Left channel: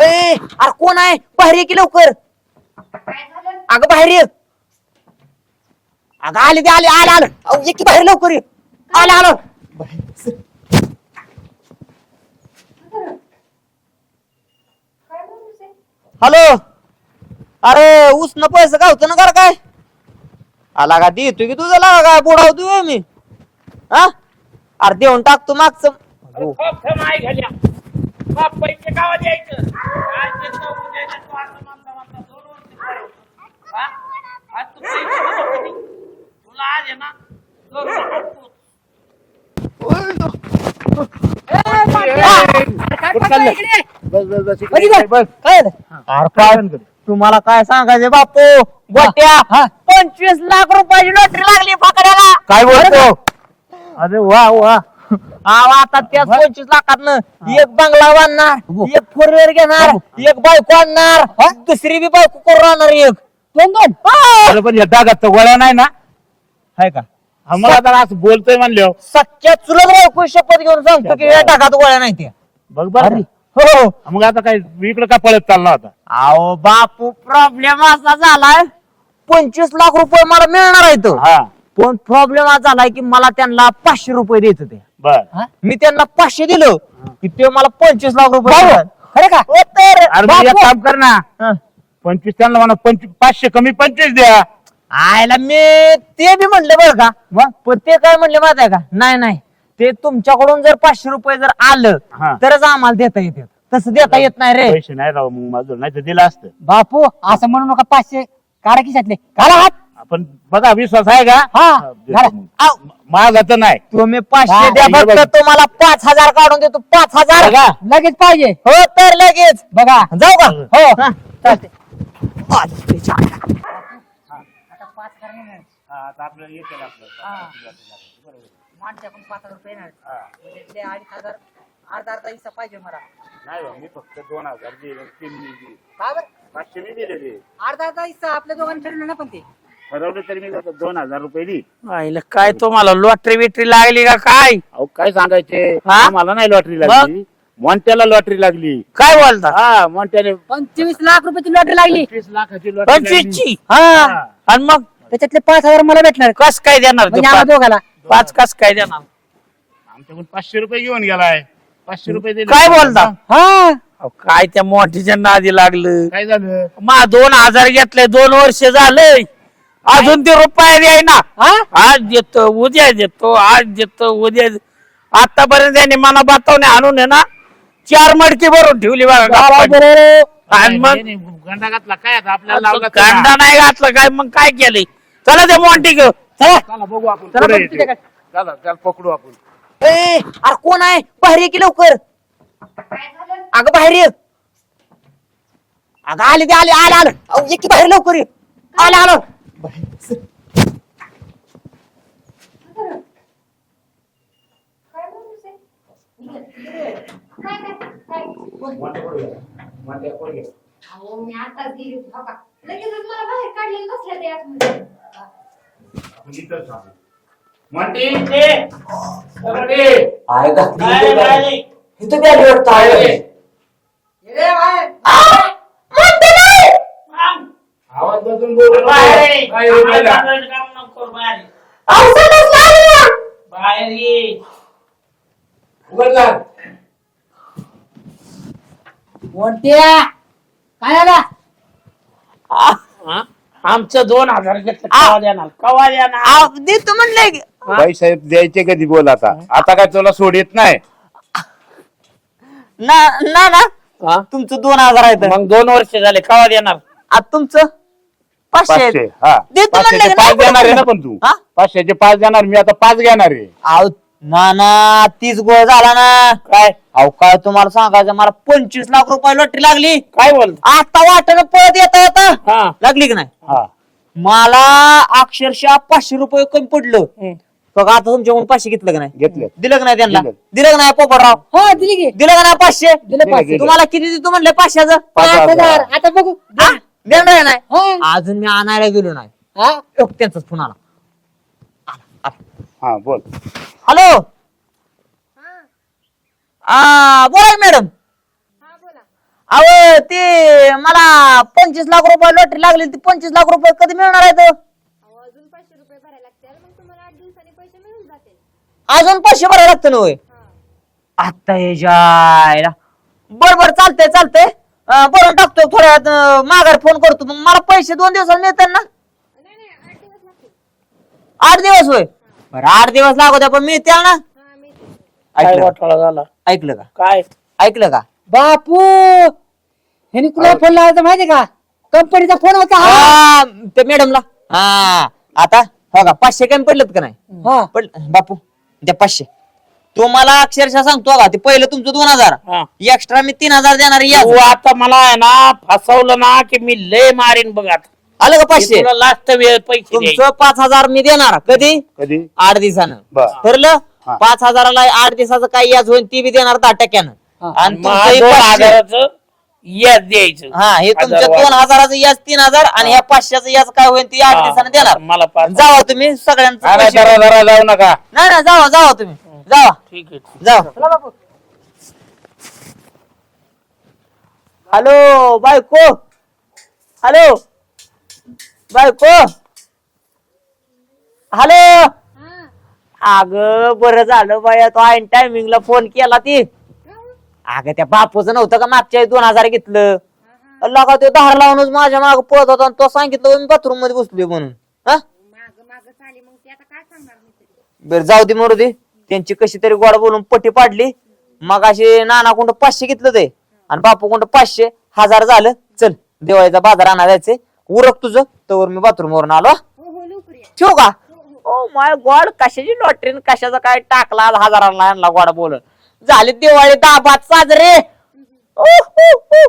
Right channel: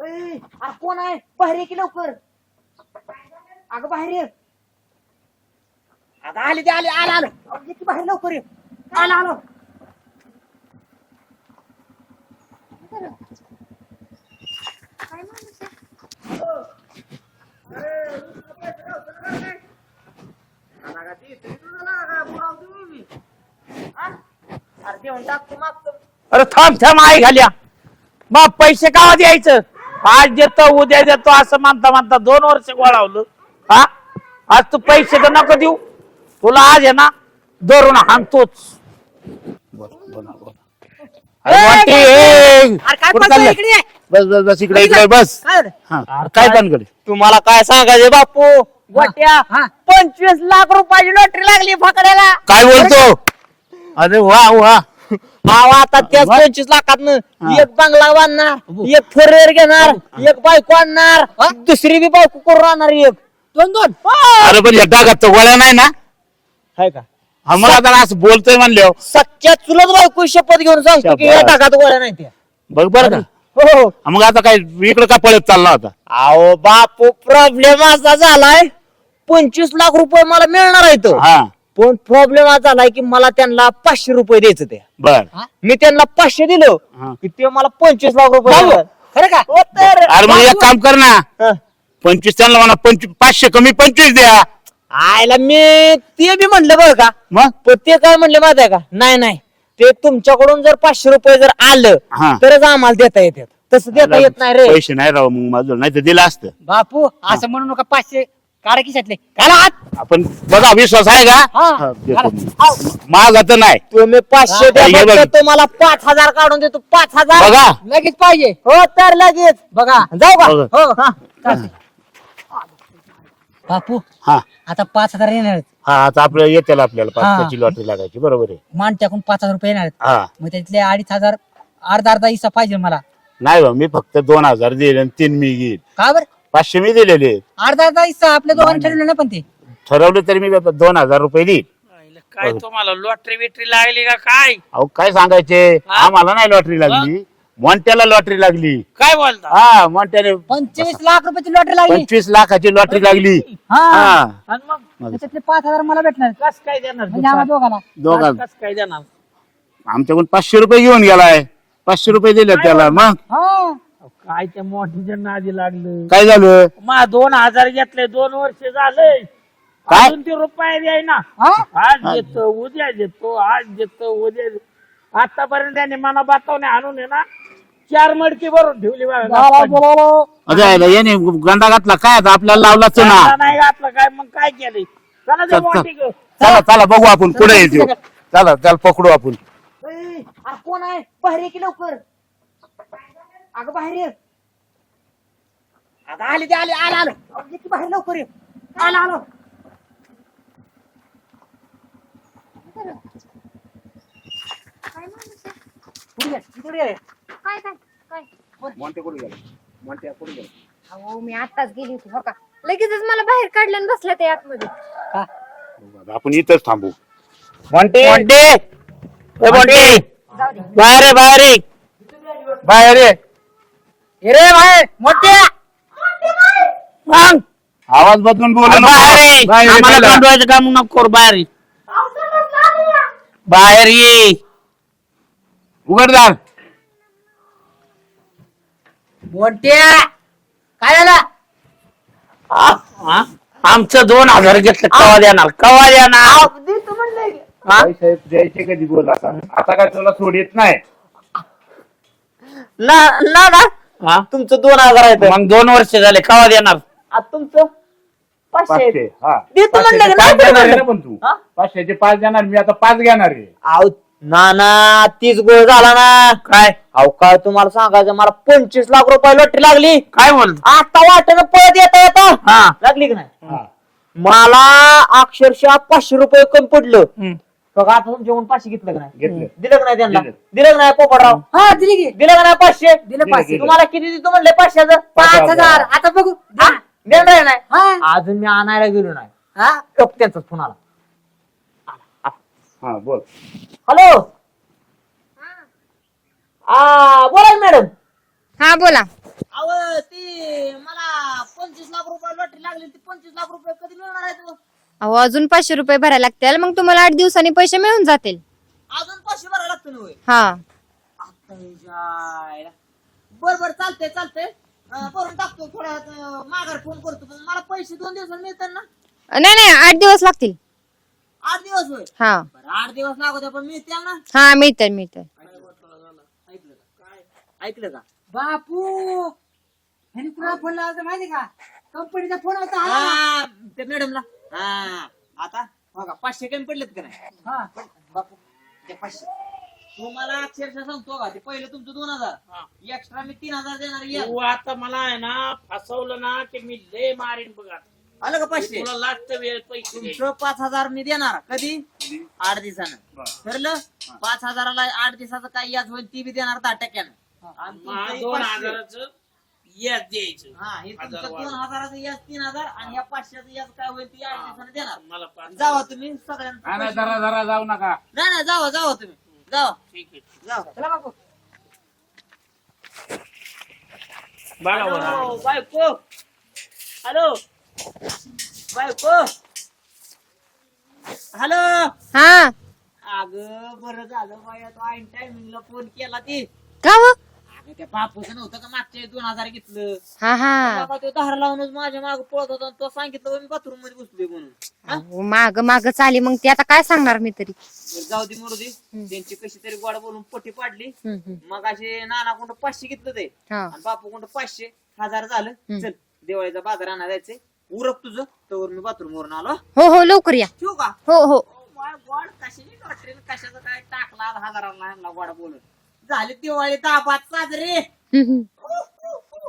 ए अरे कोण आहे? बाहेर ये की लवकर. अगं बाहेर ये. अगं आले ते आले आले आलं. अहो, ये की बाहेर लवकर ये. आलं आलं. हॅलो. अरे उसनं पैसे गावतो ना कर काय? आला का देतो की तुझा लागा काय बुडावतो मी. हा अरे देऊन टाकतो मागचं. अरे थांब थांब आई घाल्या. बाप पैसे कावा द्यायचं? आज देतो उद्या देतो असं म्हणता म्हणता दोन वर्ष गोळावलं. हा? आज तू पैसे तर नको देऊ. तुला आज आहे ना धरून हाणतोच अरे काय कुठं पैसे चाललंय? इकडे ये. बस बस बस इकडे इकडे बस. काय? हा. अरे काय काय? भानगड? तुम्हाला काय सांगायचे बापू? गोट्या पंचवीस लाख रुपयाची लॉटरी लागली फकड्याला. काय बोलतो? अरे वा वा. अहो आता त्याच पंचवीस लाखात एक बंगला बांधणार एक फोर घेणार एक बायको आणणार दुसरी बी बायको करून आणणार एक. दोन दोन? अरे पण नाही ना? हाय का? आम्हाला आता असं बोलतोय म्हणल्यावर सच्च्या चुलत बायको शपथ घेऊन सांगतो की या टाकात गोळ्या नाही त्या. बघ बरं का हो मग आता काय इकडे काय पळत चालला होता अहो बापू प्रॉब्लेम असा झालाय. पंचवीस लाख रुपये मला मिळणार आहे तो. हा. पण प्रॉब्लेम असा झालाय की मला त्यांना पाचशे रुपये द्यायचं ते बर. मी त्यांना पाचशे दिलो. हा. की ते मला पंचवीस लाख रुपये देणार. खरं का? हो तर. अरे मग एक काम कर ना. हा. पंचवीस त्यांना मला पंचवीस पाचशे कमी पंचवीस द्या. आयला मी ते बी म्हणलं बरं का. मग? पण ते काय म्हणले माहिती आहे का? नाही नाही. ते तुमच्याकडून जर पाचशे रुपये जर आलं हा. तरच आम्हाला देता येते तसं देता येत नाही रे. पैसे नाही राव मग माझं नाही तर दिलं असतं. बापू असं म्हणू नका पाचशे काढा खिशातले. घाला हात. आपण बघा विश्वास आहे का? हा, हा, देतो घाला. मग. आव. माझा तर नाही. तुम्ही पाचशे हा, द्या. तुम्हाला पाच हजार काढून देतो. पाच हजार. बघा. लगेच पाहिजे. हो तर लगेच. बघा. जाऊ का? बघा. हो. हा. बापू हा. आता पाच हजार येणार आहेत. हा आता आपल्याला येते आपल्याला हा. पाचशेची लॉटरी लागायची. बरोबर आहे. मान टाकून पाच हजार रुपये येणार आहेत. हा. मग त्यातले अडीच हजार अर्धा अर्धा हिस्सा पाहिजे मला. नाही बा मी फक्त दोन हजार दिले आणि तीन मी घेईल का बर? पाचशे मी दिलेले अर्धा अर्धा हिस्सा आपल्या दोघांनी ठरवलं ना पण ते? ठरवलं तरी मी आता दोन हजार रुपये देईल आईला काय तुम्हाला लॉटरी बिटरी लागली का काय? अहो काय सांगायचे? हा? आम्हाला नाही लॉटरी लागली. मोंट्याला लॉटरी लागली. काय बोलता? हा मोंट्याने पंचवीस लाख रुपयाची लॉटरी लागली. पंचवीस लाखाची लॉटरी लागली. पंचवीसची? हा. आणि मग? त्याच्यातले पाच हजार मला भेटणार. कस काय देणार म्हणजे आम्हाला पाच? दोघाला. दोघांना. पाच कस काय देणार? आमच्याकडून पाचशे रुपये घेऊन गेलाय. पाचशे रुपये दिले काय त्याला. बोलता? मग? हा. अहो, काय त्या मोठीच्या नादी लागलं? काय झालं? मा दोन हजार घेतले दोन वर्ष झालंय. अजून ते रुपये द्याय ना. आज देतो उद्या देतो आज देतो उद्या आतापर्यंत त्यांनी मला बतावणे आणून आहे ना चार मडकी भरून ठेवली बघा मग- याने गंडा घातला काय आता? आपल्याला लावला कांदा नाही घातला काय? मग काय केलंय? चला ते मोठी घेऊ. चला चला बघू आपण. पुढे येतो. चला त्याला पकडू आपण. ए, अरे कोण आहे? बाहेर ये की लवकर. अगं बाहेर ये. अगं आले ते आले आले आलं. अहो, ये की बाहेर लवकर ये. आलं आलं. अहो मी आताच गेली होती हो का? लगेचच मला बाहेर काढलं आणि बसल्या ते आतमध्ये. आपण इथंच थांबू. मोठी ए, मोठी बाहेर ये, बाहेर ये. बाहेर ये. ये रे बाहेर मग आवाज बदलून बोलू नको. बाहेर ये. बाहेर ये आम्हाला. गंडवायचं काम नको करू, बाहेर ये. बाहेर ये उघड दार मोठ्या काय झालं हा? आमचं दोन हजार घेतलं कवा देणार कवा देणार देतो म्हणलंय की. हा? पैसे द्यायचे कधी बोल आता आता काय तुला सोडित नाही ना ना ना हा? तुमचं दोन हजार आहेत. मग दोन वर्ष झाले कवा देणार? आता तुमचं? पाचशे आहेत. पाचशे हा. देतो म्हणलं पाचशेचे की पाच नाही देणार आहे ना म्हणलं? पण तू. हा? पाचशेचे पाच देणार मी आता पाच घेणार आहे. अहो, ना ना तीच गोळ झाला ना. काय? अहो काय तुम्हाला सांगायचं मला पंचवीस लाख रुपये लॉटरी लागली. काय बोलत? आता वाटत का पळत येता येता. हा. लागली की नाही? हा. मला अक्षरशः पाचशे रुपये कमी पडलं. हम्म. बघा आता तुमच्याकडून पाचशे घेतलं का नाही? घेतलं. दिलं का नाही त्यांना? दिलं. दिलं का नाही पोपटराव? हा दिली की. दिलं का नाही पाचशे? दिलं पाचशे. तुम्हाला किती देतो म्हणले पाचशेचं? पाच हजार. आता बघू. हा? देणार आहे नाही हा. अजून मी आणायला गेलो नाही. हा? एक त्यांचाच फोन आला. हा बोल. हॅलो? हा बोला मॅडम. हा बोला. अहो ते मला पंचवीस लाख रुपये लॉटरी लागली ती पंचवीस लाख रुपये कधी मिळणार आहे तो अहो अजून पाचशे रुपये भरायला लागतील. मग तुम्हाला आठ दिवसांनी पैसे मिळून जातील. अजून पाचशे भरायला लागतं ना होय? हा. आता हे जायला. बर बर चालतंय चालतंय. अं, बरं टाकतो थोड्या वेळात अं, माघार फोन करतो. मग मला पैसे दोन दिवसात मिळतात ना? नाही नाही आठ दिवस लागतील. आठ दिवस होय? हा. बरं आठ दिवस लागू द्या पण मिळतील ना? हा मिळतंय मिळतंय काय ऐकलं झाला? ऐकलं का? काय? ऐकलं का? बापू! ह्यानी तुला फोन लावायचा माहितीये का? कंपनीचा फोन होता हा. हा, ते मॅडमला हा आता हो का पाचशे कमी पडलेत का नाही? हा पण बापू द्या पाचशे. तो मला अक्षरशः सांगतो का ते पहिलं तुमचं दोन हजार. हा. एक्स्ट्रा मी तीन हजार देणार या तू आता मला आहे ना फसवलं ना की मी लय मारीन बघ आता. आलं का मी पाचशे? तुला लास्ट वेळ पैसे द्यायचे. तुमचं पाच हजार मी देणार. कधी? कधी? आठ दिवसानं. बर. ठरलं? हा. पाच हजाराला आठ दिवसाचं काय याच होईल ती बी देणार दहा टक्क्यानं. आणि मग तुमचं दोन हे पाचशे. हजाराचं याच द्यायचं. हा हे तुमच्या हजार दोन वाढ. हजाराचं याच तीन हजार आणि ह्या पाचशेचं याच काय होईल ती आठ हा, दिवसानं देणार. मला पाच जावा तुम्ही सगळ्यांचं अरे पैसे- जाऊ नका. नाही नाही जावा जावा तुम्ही. जावा. ठीक आहे ठीक जावा. हॅलो बायको. हॅलो. बायको. हॅलो. हा. अग बरं झालं बाया तो ऐन टायमिंगला फोन केला ती. का व? अगं त्या बापूचं नव्हतं का मागच्या वेळी दोन हजार घेतलं? हा हा. ते धार लावूनच माझ्या माग पळत होता आणि तो सांगितलं मी बाथरूममध्ये बसलोय म्हणून. हा? माग माग चाली. मग ते आता काय सांगणार मी तरी? बरं जाऊ दे मरू दे. त्यांची कशी तरी गोड बोलून पट्टी पाडली. हम्म, हम्म. मग अशी नाना कोणतं पाचशे घेतलं ते. हा. आणि बापू कोणतं पाचशे. हजार झालं. चल दिवाळीचा बाजार आणा जायचंय. उरक तुझं तवर मी बाथरूम वरून आलो. हो हो लवकर या. ठेवू का? हो हो. ओ माय गॉड कशाची लॉटरी कशाचा काय टाकला आज हजाराला आणला गोडा बोल झाली दिवाळी दाबात साजरे. हम्म, हम्म. उह, उह, उह.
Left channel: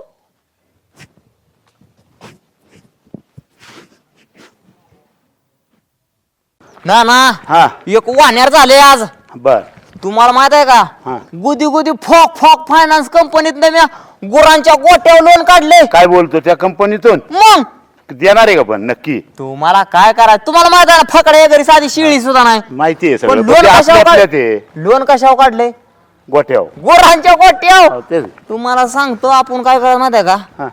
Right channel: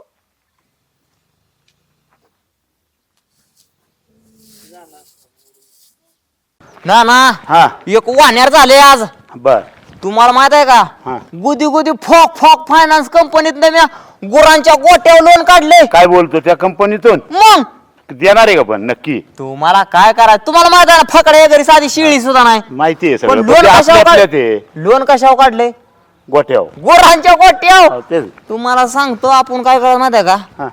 ना ना हा. एक वाण्यार झाले आज. बर. तुम्हाला माहीत आहे का. गुदी गुदी फॉक फॉक फायनान्स कंपनीत मी गुरांच्या गोट्यावर लोन काढले. काय बोलतो त्या कंपनीतून मग? देणार आहे का पण? नक्की. तुम्हाला काय करायचं? तुम्हाला माहीत आहे ना फकड्या घरी साधी शिळी सुद्धा नाही. माहिती आहे पण सगळं. पण लोन ते कशावर आपल्या ते. लोन कशावर काढले? गोठ्यावर गुरांच्या गोट्यावर? हो, तेच. तुम्हाला सांगतो आपण काय करायचं माहीत आहे का? हा.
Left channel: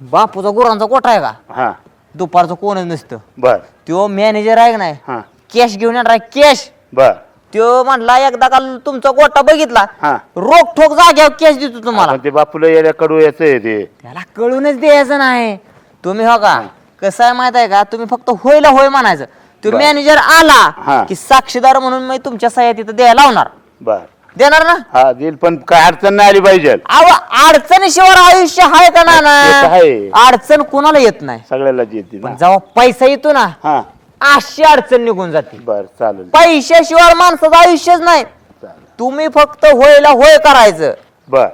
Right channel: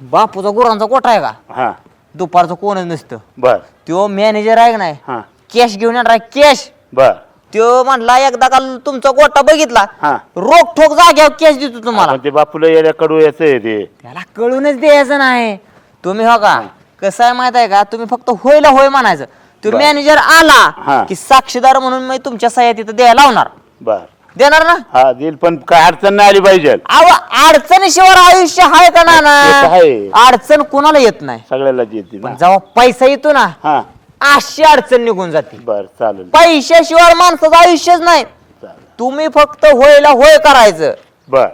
बापूचा गुरांचा गोठा आहे का? हा. दुपारचं कोणच नसतं. बर. तो मॅनेजर आहे का नाही? हा. कॅश घेऊन येणार कॅश बर. तो म्हणला एकदा का तुमचा गोटा बघितला हा. रोख ठोक जाग्यावर कॅश देतो तुम्हाला. ते बापूला कडू याचं आहे ते. त्याला कळूनच द्यायचं नाही. तुम्ही हो का? कसं आहे माहीत आहे का? तुम्ही फक्त होयला होय म्हणायचं. तो बर. मॅनेजर हा. आला की साक्षीदार म्हणून मी तुमच्या सह्या तिथं द्यायला लावणार. बर. देणार ना? हा देईल पण काय अडचण नाही आली पाहिजे. अहो अडचणीशिवाय आयुष्य आहे का ते तर ना? आहे. अडचण कुणाला येत नाही. सगळ्याला येते ना. पण जेव्हा पैसा येतो ना हा. अशी अडचण निघून जाते. बर चालेल. पैशाशिवाय माणसाचं आयुष्यच नाही. चालेल. तुम्ही फक्त होयला होय करायचं. बर.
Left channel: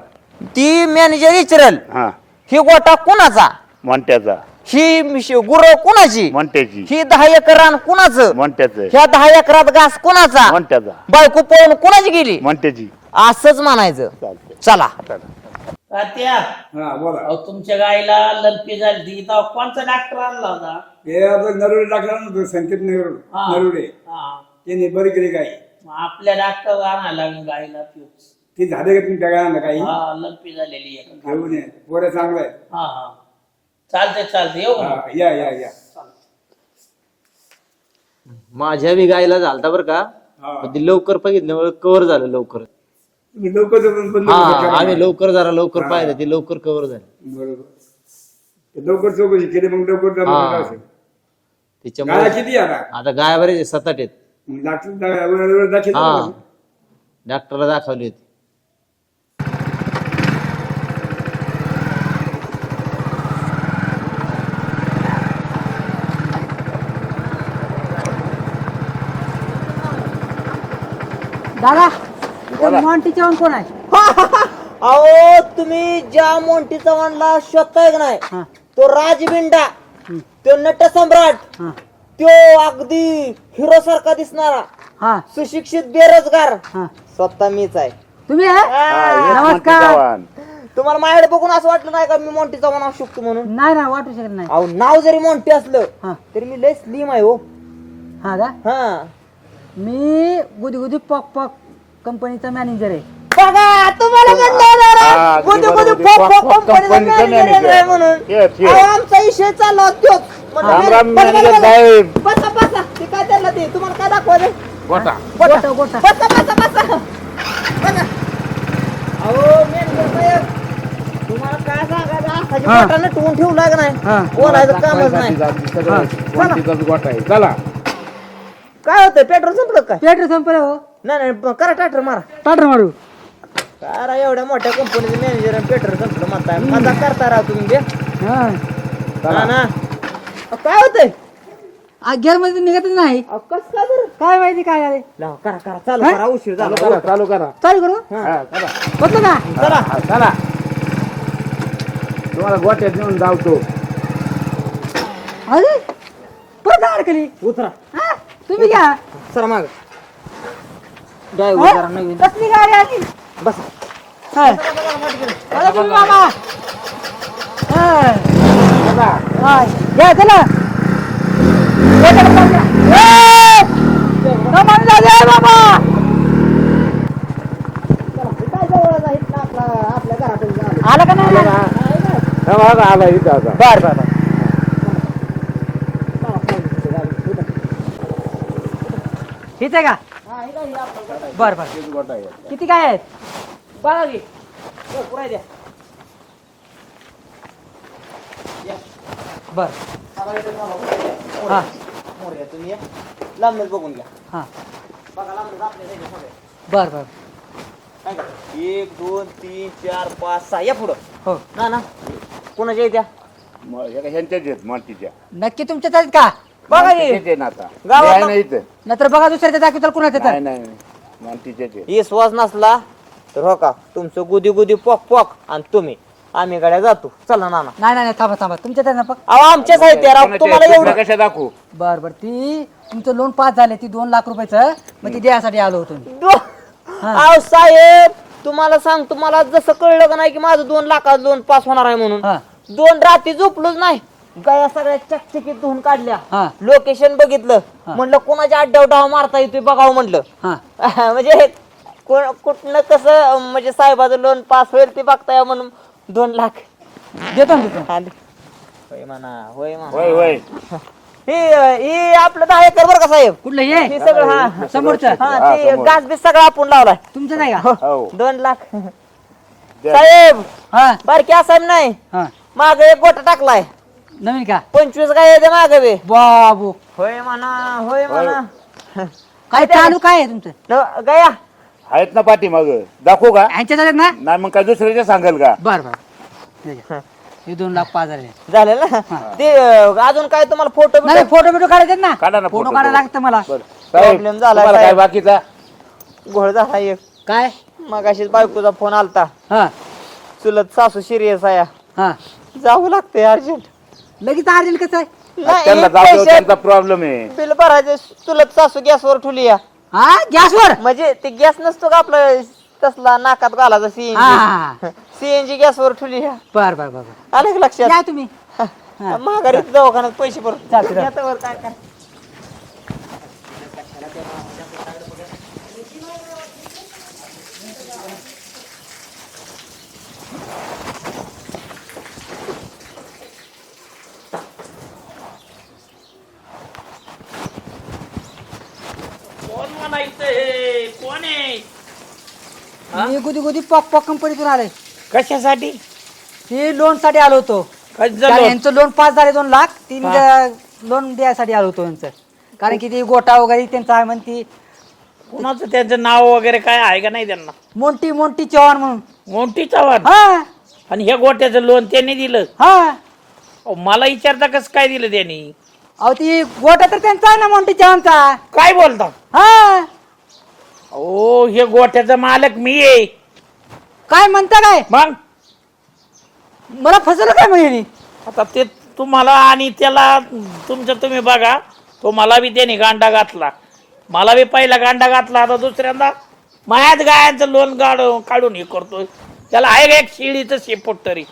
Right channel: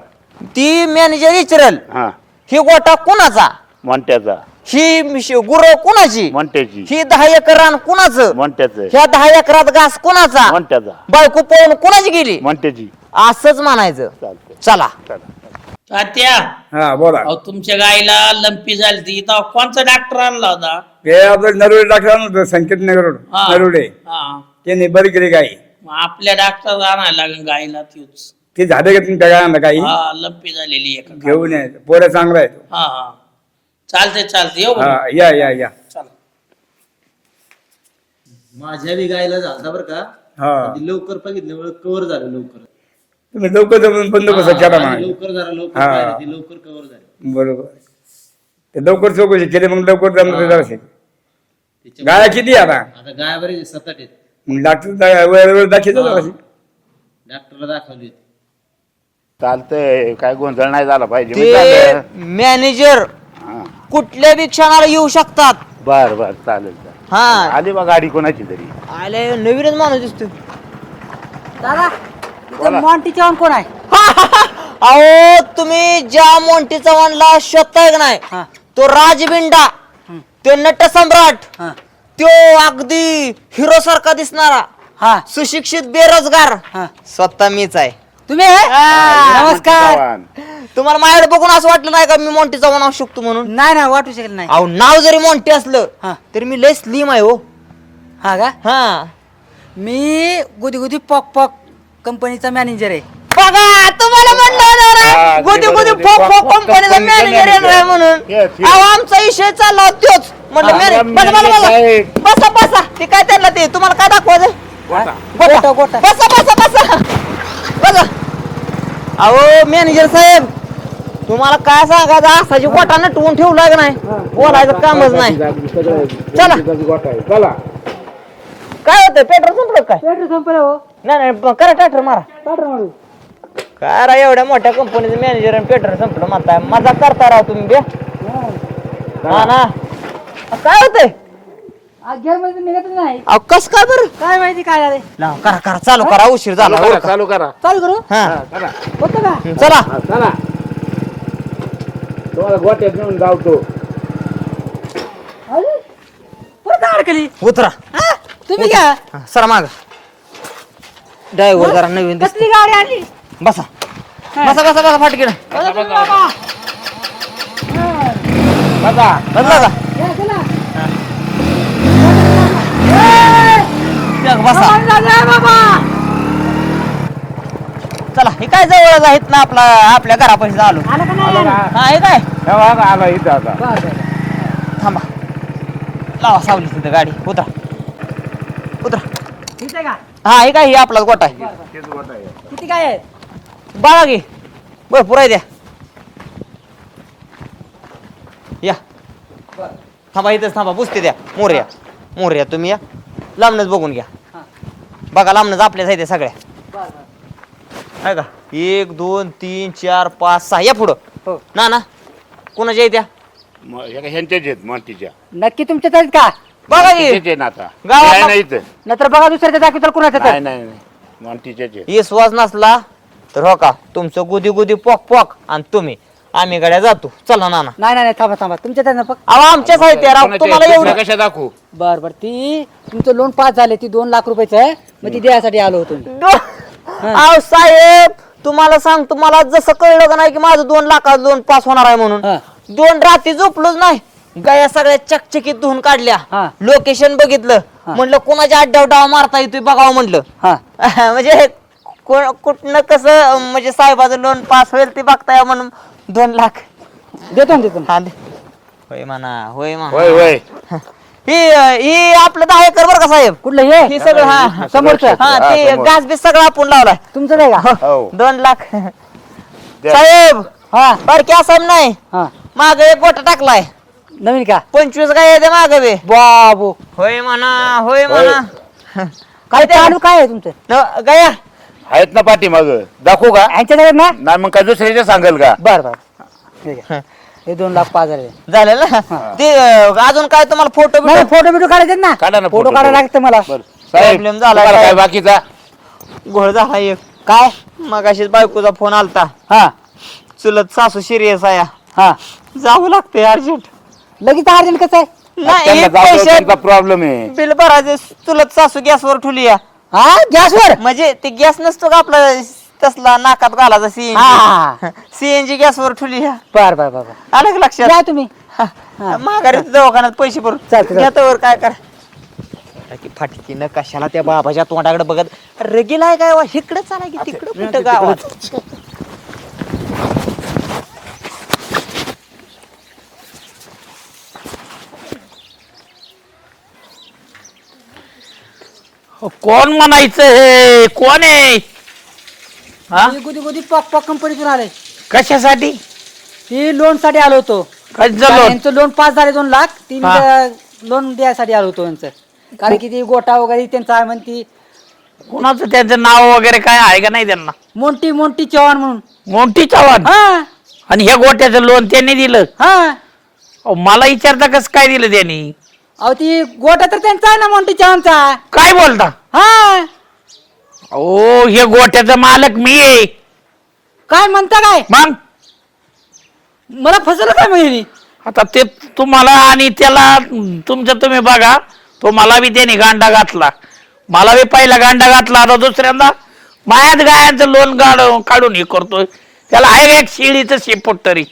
ती मॅनेजर विचारल. हा. ही गोटा कुणाचा? मोंट्याचा. ही गुर कुणाची? मोंट्याची ही दहा एकर रान कुणाचं? मोंट्याचं ह्या दहा एकरात घास कुणाचा? मोंट्याचा बायको पळून कुणाची गेली? मोंट्याची असंच म्हणायचं. चला. तात्या. हा बोला. अहो तुमच्या गाईला लंपी झाली ती तेव्हा कोणचा डॉक्टर आणला होता. हे आपलं नरवडे डॉक्टर होतं संकेत नगर हा. नरवडे. हा. त्यांनी बरी केली गाई. मग आपल्या डॉक्टर आणायला लागेल गाईला तीच. ते झाले का तुमच्या गायांना काही? हा लंपी झालेली घेऊन या. पोऱ्या चांगला आहे हा हा. चालते चालते येऊ का? हा या या या. माझ्या बी गायला झालता बरं का? हा. ते लवकर बघितल्यामुळे कव्हर झालं लवकर. तुम्ही लवकर जमून बंद हा. लवकर जरा लवकर हा. पाहिलं ते लवकर कव्हर झालं. बरोबर. ते लवकर चौकशी केली मग लवकर जमलं हा. त्याच्यामुळे किती आता? आता गाय बरेच सात आठ आहेत. मग डॉक्टर वेळेवर दाखवतो हा. डॉक्टरला दाखवली होती. चालतंय काय गोंधळ नाही झाला पाहिजे. मॅनेजर कुठल्या बी क्षणाला येऊ शकतात. बर बर चालेल. हा. आली मग गाडी कोणाची तरी. आले नवीनच माणूस दिसतो दादा मॉन्टी चव्हाण कोण आहे? अहो तुम्ही ज्या मोंटी चव्हाणला शोधताय का नाही. तो राजबिंडा तो नट सम्राट हा. तो अगदी हिरो सारखा दिसणारा हा. सुशिक्षित बेरोजगार हा. स्वतः मीच आहे. तुम्ही हा, नमस्कार. तुम्हाला माझ्याकडे बघून असं वाटलं नाही का मी मोंटी चव्हाण असू शकतो म्हणून नाही ना वाटू शकत नाही अहो नाव जरी मोंटी असलं हा. तरी मी लय स्लिम आहे हो हा का हा मी गुदी गुदी पॉक पॉक कंपनीचा मॅनेजर आहे बघा तुम्हाला मला म्हणलं ना रे, हा. पॉप- पॉप- पॉप पॉप कंपनीचं कंपनीचं manager manager. आहे म्हणून. Yes, yes. अहो, आमचा विषय चालला होता तोच म्हणलं हा, मॅने- राम बसा, बसा, manager बसा. साहेब. बसा बसा ते काय त्यांना ते तुम्हाला काय दाखवायचं गोटा गोटा बसा बसा बसा बसा अहो मॅनेजर साहेब तुम्हाला काय सांगायचं? असाची वाटा नटवून ठेवू लाग नाही. बोलायचं कामच नाही. चला. चला. काय होतं पेट्रोल संपलं काय? पेट्रोल संपलं हो. नाही करा ट्रॅक्टर मारा. टाटा मारू. काय राव एवढ्या मोठ्या कंपनीचं मॅनेजर आणि पेट्रोल संपलं म्हणताय. मजा करता राव तुम्ही बे. हा. हा ना. काय होतंय? गेअरमध्ये निघतच नाही. अहो कस काय बरं? काय माहिती काय झाले लाव, करा करा. चालू करा उशीर झाला. चालू करा चालू करा. चालू करू? हा. होतं ना? चला. हा, चला. तुम्हाला गोट्यात नेऊन धावतो. अरे परत अडकली उतरा. तुम्ही घ्या. सर माग. ड्रायव्हर जरा नवीन दिसतो. कसली गाडी आली? बसा. बसा बसा बसा फाटकीला अरे तुम्ही बाबा. हा. बसा बसा. या, चला बसा. बसा जा, जा, बाबा चला हे काय जवळच आहेत ना आपला आपल्या घरापाशी आलो. आला का नाही? हा हे काय? हे बघा, आला इथं आता. बर बर. थांबा. लावा सावली तिथं गाडी. उतरा. उतरा. इथे का? हा हे काय हे आपला गोटा आहे. बर बर. किती काय आहे बघा घे. बर पुराय द्या या. बर. थांबा इथंच थांबा. पुसते द्या मोर्या. मोर्या तुम्ही या. लांबनच बघून घ्या. हा. बघा लांबनच आपल्याच आहे त्या सगळ्या. बर बर. आहे का? एक दोन तीन चार पाच सहा. या पुढं. हो. ना ना. कोणाच्या आहे त्या म- एका ह्यांच्याच आहेत मातीच्या. नक्की तुमच्याच आहेत का? बघा हे. आहेत आता. गावात- हे आहे ना इथं. नाहीतर बघा दुसऱ्याच्या दाखवताल कोणाचं नाही तर. नाही नाही. मातीच्याच आहेत. ही श्वास नसला तर हो का तुमचं गुदी गुदी पॉक पॉक आणि तुम्ही. आम्ही गाड्या जातो. चला नाना. नाही नाही नाही, थांबा थांबा. तुमच्याच आहे ना पक अहो आमच्याच आहे ते राव तुम्हाला? एवढं कशा दाखवू? बर बर. ती तुमचं लोन पास झाले ती दोन लाख रुपयाचं आहे. मग ती द्यायसाठी आलो होतो मी. अहो साहेब तुम्हाला सांगतो मला जसं कळलं का नाही की माझं दोन लाखात लोन पास होणार आहे म्हणून. हा. दोन रात्री झोपलोच नाही. गाया सगळ्या चकचकीत धुवून काढल्या. हा. लोकेशन बघितलं. म्हणलं कोणाच्या अड्डा डावा मारता येतोय बघावं म्हणलं. हा. म्हणजे को- कुठनं कसं म्हणजे साहेबाचं लोन पास होईल ते बघताय म्हणून दोन लाख. देतो ना देतो ना. हा दे. होय म्हणा होय म्हणा. होय होय. ही ही आपलं दहा एकर बरं का साहेब? कुठलं हे? ही सगळं हा. समोरचं? हा ते गास बीस सगळं आपण लावलाय. तुमचंच आहे का? हो. दोन लाख. साहेब हा. बारक्या साहेब नाही. हा. माग एक गोटा टाकलाय. नवीन का? पंचवीस काय येते माग बे. बाबू. होय म्हणा होय. म्हणा. काय चालू काय आहे तुमचं? न- गया. आहेत ना पाठी मग. दाखवू का? यांच्यात आहेत ना? नाही मग काय दुसऱ्याच्या सांगेल का? बर बर. ठीक आहे. हे. दोन लाख पाच झाले झाले ना? ते अं, अजून काय तुम्हाला फोटो नाही फोटो बिटो काढायचे ना. काढा ना फोटो photo. काढायला लागतं मला. साहेब, Problem झाला तुम्हाला काय? काय बाकीचा? घोळ झाला एक. काय? मग बायकोचा फोन आलता. हा. चुलत सासू सिरियस आहे हा. जावं लागतंय अर्जंट. लगेच अर्जंट कसं आहे? नाही त्यांना पैसे त्यांचा प्रॉब्लेम आहे. बिल भरायचे चुलत सासू गॅसवर ठेवली या हा? गॅसवर? म्हणजे ते गॅस नसतो का आपला तसला नाकात घालायचा सीएनजी हा. सीएनजी गॅसवर ठेवली या. बर बर बर बर. आलं का लक्षात? तुम्ही. हा. माघारी दवाखान्यात पैसे भरून. चालतं. त्यावर काय कर. फाटकीनं कशाला त्या बाबाच्या तोंडाकडे बघत? रगील आहे काय वा? इकडे चाला की तिकडे कुठं गावात? कोण म्हणायचं हे? कोण आहे? हा? कंपनीतून आले. कशासाठी? ती लोनसाठी आलो होतो. झालं यांचं लोन पास झाले दोन लाख. तीन लोन द्यायसाठी आलो होतो यांचं. कारण की ती गोटा वगैरे त्यांचा आहे म्हणती. कोणाचं त्यांचं नाव वगैरे काय आहे का नाही त्यांना? मोंटी मोंटी चव्हाण म्हणून. मोठी चव्हाण? हा. आणि हे गोट्याचं लोन त्यांनी दिलं? हा. अहो, मला विचारता कसं काय दिलं त्यांनी? अहो ती गोटा तर त्यांचा आहे ना मोंटी चव्हाणचा काय बोलता? हा ओ हे गोट्याचं मालक मी आहे. काय म्हणता काय? मग? मला फसवलं काय म्हणजे आता ते तुम्हाला आणि त्याला तुमचं तुम्ही बघा. तो मला बी त्याने गांडा घातला. मला बी पहिला गांडा घातला आता दुसऱ्यांदा मायात गायांचं लोन काढ- काढून हे करतोय. त्याला आहे एक शिळीचं शेपूट तरी.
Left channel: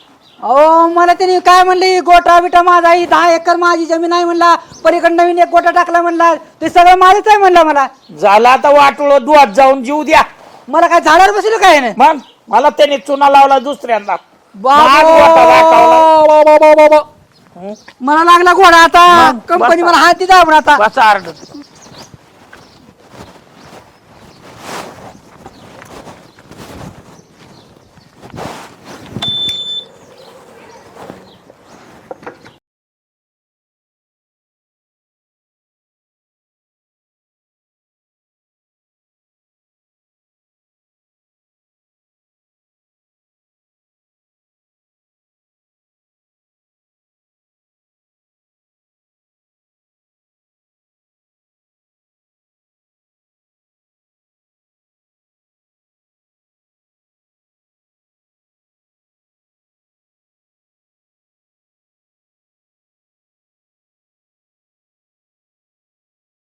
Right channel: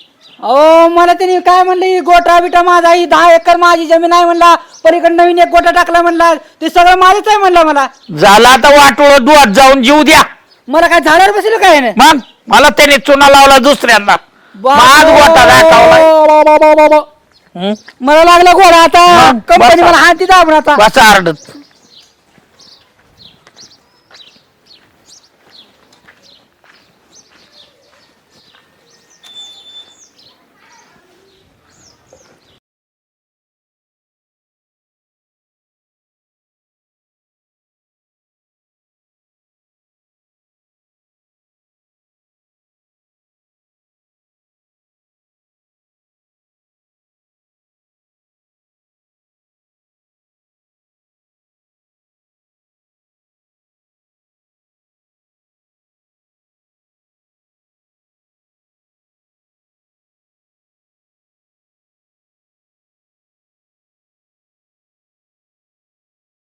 अहो मला तिने काय म्हणले? गोटा बिटा माझा ही दहा एकर माझी जमीन आहे म्हणला. पलीकडे नवीन एक गोटा टाकला म्हणला. ते सगळं माझंच आहे म्हणला मला. झाला आता वाटोळ दुआत जाऊन जीव द्या. मला काय झाडावर बसलं काय नाही मग? मला त्याने चुना लावला गोटा दाखवला. मला लागला घोडा आता. कंपनी. मला हाती दाबून आता. बसा आरडत.